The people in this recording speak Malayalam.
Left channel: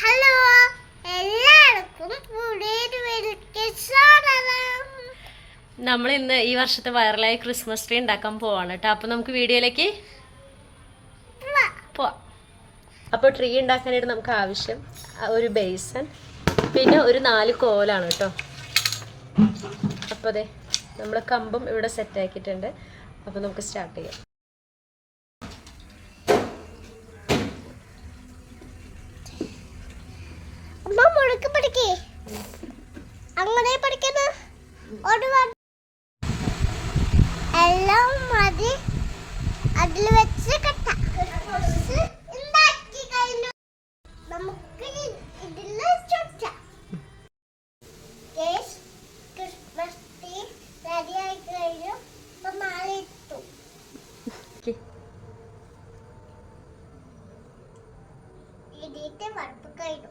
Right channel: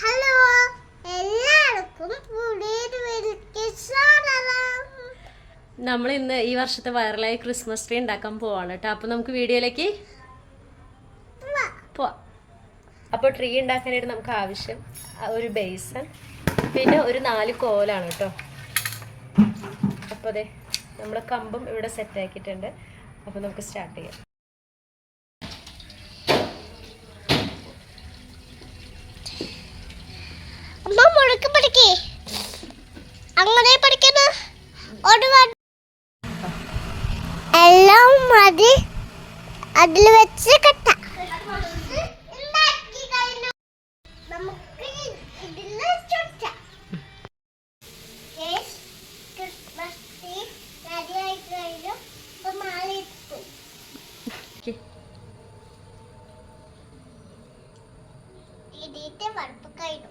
ഹലോ എല്ലാവർക്കും പുതിയൊരു വീഡിയോയിലേക്ക് സ്വാഗതം. നമ്മൾ ഇന്ന് ഈ വർഷത്തെ വൈറലായ ക്രിസ്മസ് ട്രീ ഉണ്ടാക്കാൻ പോവാണ് കേട്ടോ. അപ്പോൾ നമുക്ക് വീഡിയോയിലേക്ക് പോവാം. അപ്പോൾ ട്രീ ഉണ്ടാക്കാനായിട്ട് നമുക്ക് ആവശ്യം ഒരു ബേസൻ, പിന്നെ ഒരു 4 കോലാണ് കേട്ടോ. അപ്പോൾ അതെ നമ്മൾ കമ്പും ഇവിടെ സെറ്റ് ആക്കിയിട്ടുണ്ട്. അപ്പോൾ നമുക്ക് സ്റ്റാർട്ട് ചെയ്യാം. അങ്ങനെ പഠിക്കുന്ന എല്ലാം മതി അതിൽ വെച്ച് കെട്ട നമുക്ക് ഇതിൽ ക്രിസ്മസ് ട്രീ റെഡി ആയി കഴിഞ്ഞു. ഇപ്പൊ മാല ഇട്ടു. ഇതിന്റെ വറുപ്പ് കഴിഞ്ഞു.